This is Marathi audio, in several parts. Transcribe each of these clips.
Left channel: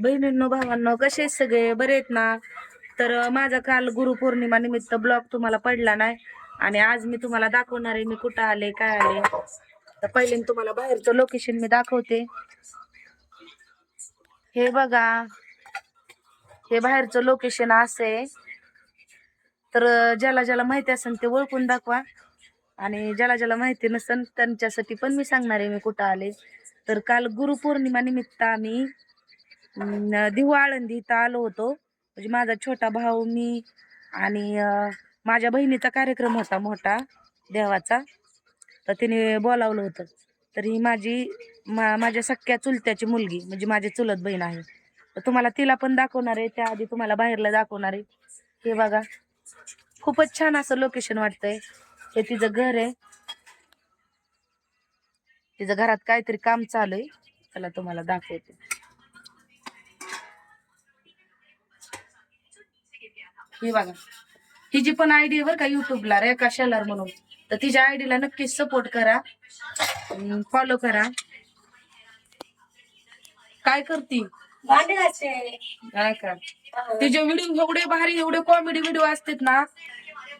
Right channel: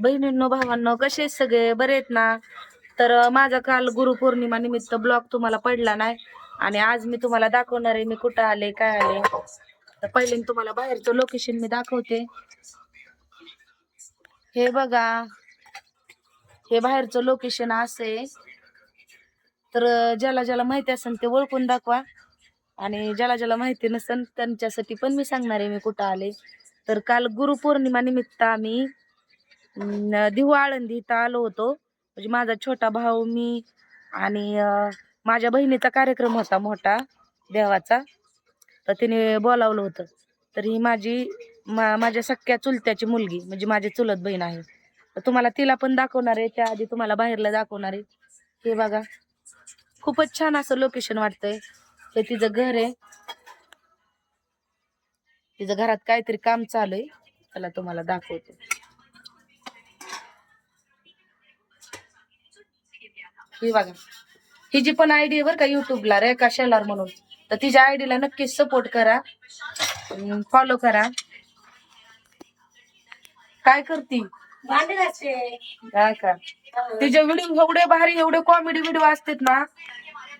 बहिणींनो भावांनो कसे सगळे? बरे आहेत ना? तर माझा काल गुरुपौर्णिमा निमित्त ब्लॉग तुम्हाला पडला नाही. आणि आज मी तुम्हाला दाखवणार आहे मी कुठं आले काय आले. तर पहिले मी तुम्हाला बाहेरचं लोकेशन मी दाखवते. हे बघा. हे बाहेरचं लोकेशन असे तर ज्याला ज्याला माहिती असेल ते ओळखून दाखवा. आणि ज्याला ज्याला माहिती नसेल त्यांच्यासाठी पण मी सांगणार आहे मी कुठं आले. तर काल गुरुपौर्णिमा निमित्त आम्ही अं, दिहू आळंदी इथं आलो होतो. म्हणजे माझा छोटा भाऊ मी आणि माझ्या बहिणीचा कार्यक्रम होता मोठा देवाचा. तर तिने बोलावलं होतं. तर ही माझी मा माझ्या सख्या चुलत्याची मुलगी म्हणजे माझी चुलत बहीण आहे. तर तुम्हाला तिला पण दाखवणार आहे. त्याआधी तुम्हाला बाहेरला दाखवणार आहे. हे बघा. खूपच छान असं लोकेशन वाटतंय. हे तिचं घर आहे. तिचं घरात काहीतरी काम चालू आहे त्याला तुम्हाला दाखवते. ही बघा. तिची पण आयडी आहे बरं का युट्यूबला रेखा शेलार म्हणून. तर तिच्या आयडीला नक्कीच सपोर्ट करा. फॉलो करा. काय करती? काय का? तिचे व्हिडिओ एवढे भारी एवढे कॉमेडी व्हिडिओ असतात ना.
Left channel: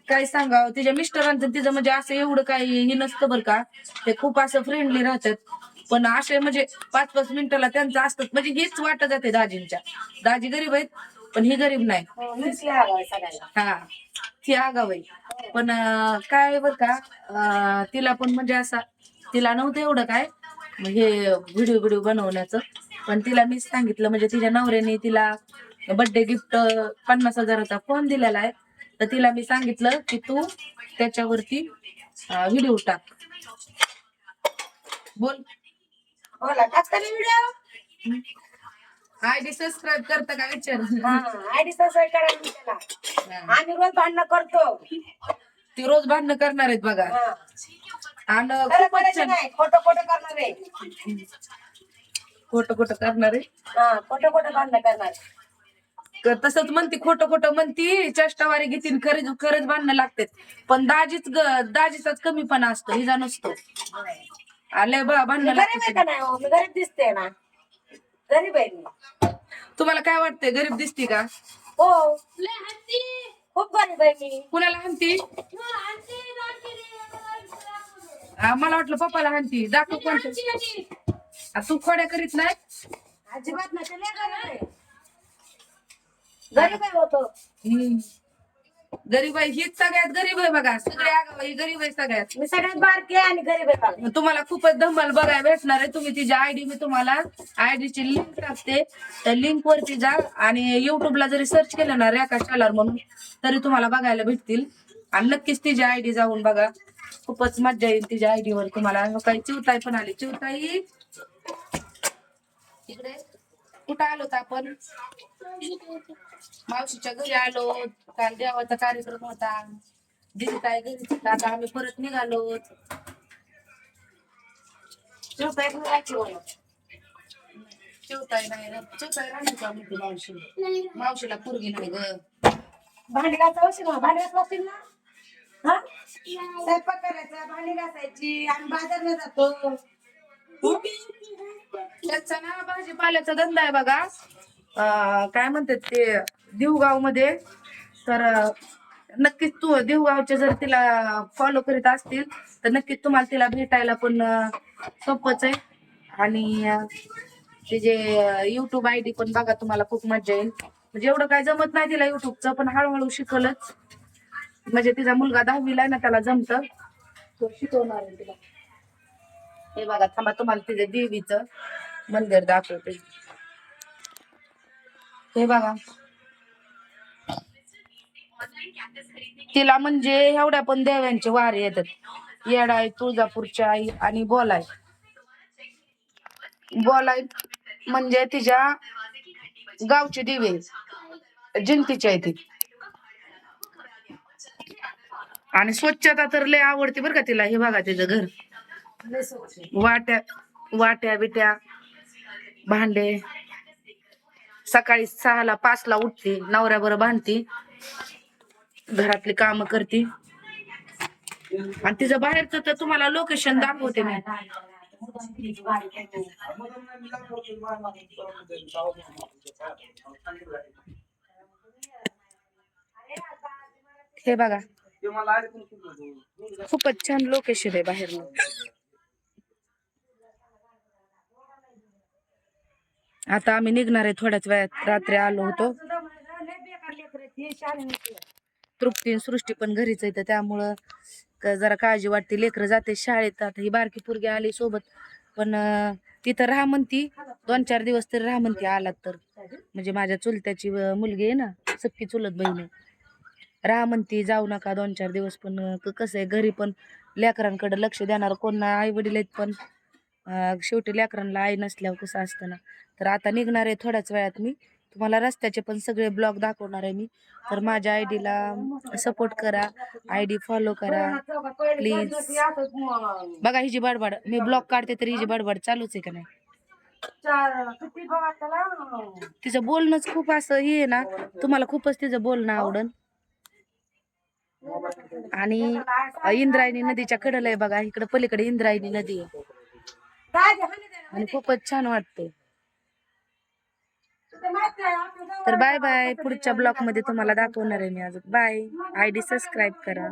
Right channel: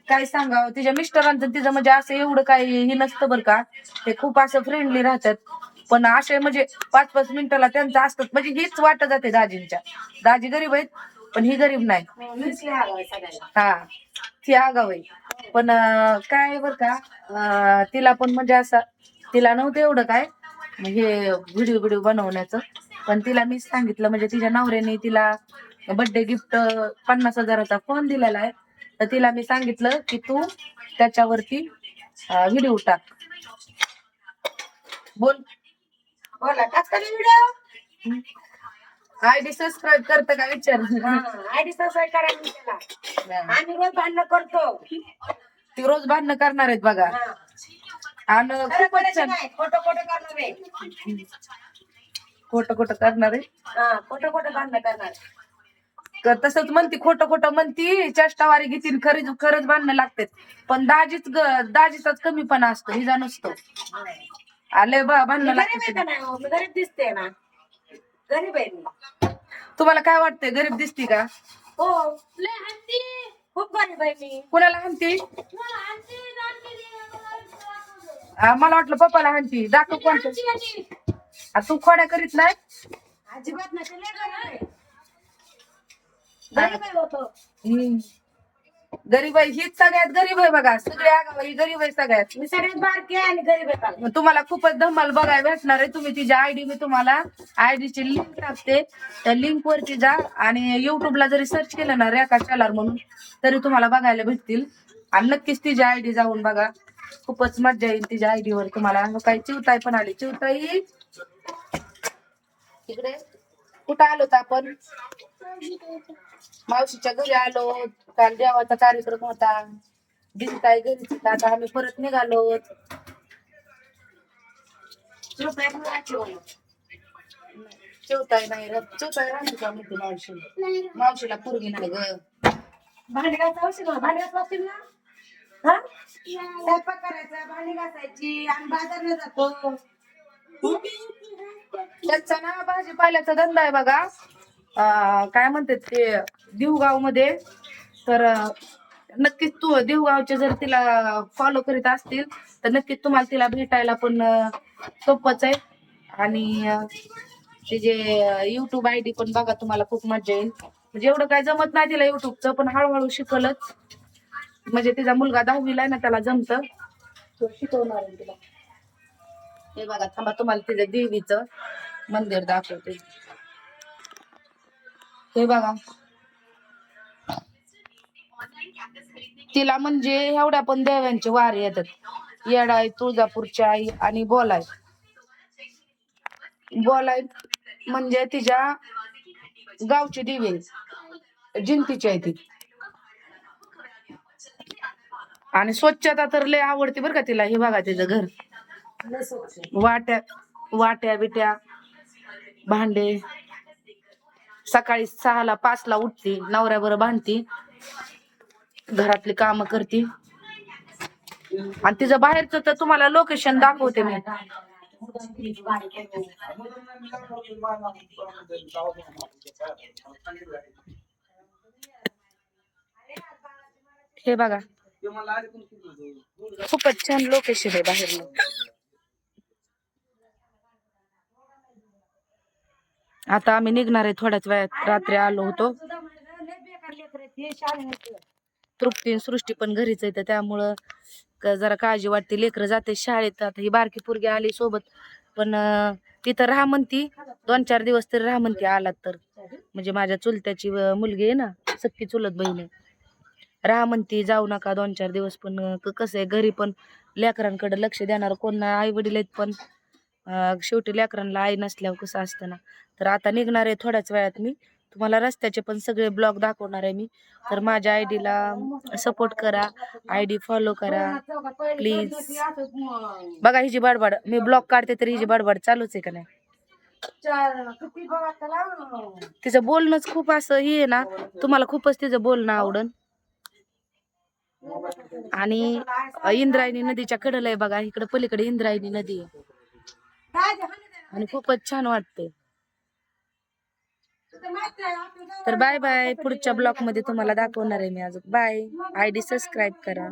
काय सांगावं तिच्या मिस्टरांचं तिचं म्हणजे असं एवढं काही हे नसतं बरं का. ते खूप असं फ्रेंडली राहतात. पण असे म्हणजे पाच पाच मिनिटाला त्यांचं असतं. म्हणजे हेच वाटत जाते दाजींच्या. दाजी गरीब आहेत पण ही गरीब नाही. सगळ्याला हा ती आगाव आहे. पण काय बर का तिला पण म्हणजे असं तिला नव्हतं एवढं काय हे व्हिडिओ व्हिडिओ बनवण्याचं. पण तिला मी सांगितलं म्हणजे तिच्या नवऱ्याने तिला बर्थडे गिफ्ट पन्नास हजाराचा फोन दिलेला आहे. तर तिला मी सांगितलं की तू त्याच्यावरती व्हिडिओ टाक. बोल. बोला टाकता मी व्हिडिओ आयडी सबस्क्राईब करतं का विचार? आयडी सबस्क्राईब करा मी त्याला. आम्ही रोज भांडणं करतो. ती रोज भांडणं करणार आहेत बघा. हा. आणि खोटं खोटं करणार आहे. खोटं खोटं करणार आहे. हा खोटं खोटं भांडणं करणार क- तसंच म्हणती खोटं खोटं म्हणती चेष्टावारी घेतील खरीच खरंच बांधणं लागते पण दाजीच ग- दाजीचाच कमीपणा असतो हिजा नसतो. आले बा मी भांडणं गरीब आहे का नाही हो? मी गरीब दिसते ना. गरीब आहे मी. तुम्हाला काय वाटतंय गरीब दिसती का? हो. खूप गरीब आहे मी. कुणाला हाणती? आ, मला वाटलं पप्पाला हाणती. दाखव कोणतं. आ, तू खोड्या करीत नाही? अजिबात नाही ते लय गरीब आहे. गरीब आहे होतो. हम्म. गरीब आहे हीच सगळ्यात गरीब आहे बघा. सगळे आगाव ही गरीब आहे सगळ्यात. मी सगळ्यात बारकी आहे आणि गरीब आहे. मग तुम्हाला खूपच धमाल बघायला भेटणार आहे. तुम्ही तिची आयडी मी तुम्हाला आयडीची लिंक टाकते. त्या लिंक वरती जा आणि युट्यूबला जरी सर्च केलं ना रेखा चलार म्हणून तरी तुम्हाला बघायला भेटतील. आणि नक्कीच तिची आयडी जाऊन बघा. खूपच मजा येईल तिच्या आयडी वर. तुम्हाला काही चिवताई पण आली. चिवताई. तिकडे कुठं आलो होतो आपण? मावशीच्या घरी आलो. काल देवाचा कार्यक्रम होता. दिसताय घरी आता आम्ही परत निघालो. रुपये भरायचे होय. चिवताय नाही रे. चिवताय राहिली का म्हणते मावशी? मावशीला पोरगी नाही ग. भांडी घासा औषध भांडी घासला ना? हा? स्वयंपाक करायचा भांडी घासायची आम्ही बाजारला जातो. त्यांचा ना भाजीपाल्याचा धंदा आहे बघा. काय म्हणतात ते देवगावमध्ये तर नक्कीच तू देवगावचे जर तिला फॉलो करीत असतील तर नक्कीच तुम्हाला तिला भेटायला पण सोपच सोपंच आहे. आणि तिचे युट्यूब आय डी पण बघा तुम्हाला खूप मजा येईल. म्हणजे एवढं काय जमत नाही तिला युट्यूबचं पण हळूहळू शिकलच. म्हणजे तिचा मुलगा दहावीला आहे ना त्याला जमत. शिकवणार तिला. हे बघा थांबा तुम्हाला तिथे देवीचं मंदिर दाखवते. हे बघा. तिला म्हणजे एवढ्या पण देव्यांचे वारे येतात. येडाय तुळजापूरची आई आणि बोलाय बोलाय म्हणजे तिच्या गावची दिवे जिंतीची आहे ती. आणि स्वच्छता तर लय आवडते बरं का तिला. हे बघा तिचं घर. वाट्या वाट्या बिट्या भांडे. सकाळी सहाला पाचला उठते नवऱ्याबरोबर भांडती. घरातली काम करते. आणि तिचं बाहेरचं तर तुम्हाला लोकेशन दाखवते मी. हे बघा. खूपच छान लोकेशन आहे बाहेर आता आम्ही निघणार आहे थोड्याच वेळात. रात्री आलो होतो. तृप्ती आणि सृष्टी पण घरीच आहे तर त्यामुळं क- जरा काळजी वाटते. लेकरं जाते शाळेत. आता ही बारकी पोरगी आली सोबत. पण अं, तिथं राहा म्हणती दोन चार दिवस तरी राहा म्हणती आलात तर. म्हणजे माझ्या चुलत्याची अं, मुलगी आहे ना सक्की चुलत बहीण आहे. राहा म्हणती जाऊ नका दोन चार दिवस पण अं, क- कसं आहे घरी पण लेकरांकडे लक्ष देणार कोण नाही आई वडील आहेत पण. शेवटी लेकरांना आई नसल्यावर कसं असतं ना? तर आता निघणार आहे थोड्याच वेळात मी. तुम्हाला रस्त्याचे पण सगळे ब्लॉग दाखवणार आहे मी. तर माझ्या आय डीला सपोर्ट करा आय डी फॉलो करा प्लीज बघा हिची बडबड. मी ब्लॉग काढते तर हिची बडबड चालूच आहे का नाही? तिचं बोलणंच खूप असं हे आहे ना तुम्हाला खूपच तिचं बोलणं आवडन. आणि इंद्रायणी नदीच्या कडेला आहे बघा इकडे पलीकडे इंद्रायणी नदी आहे. आणि खूपच छान वाटते. तर बाय बाय पुढच्या ब्लॉगमध्ये तुम्हाला दाखवणार आहे मी अजून. बाय आय डी सबस्क्राईब करा.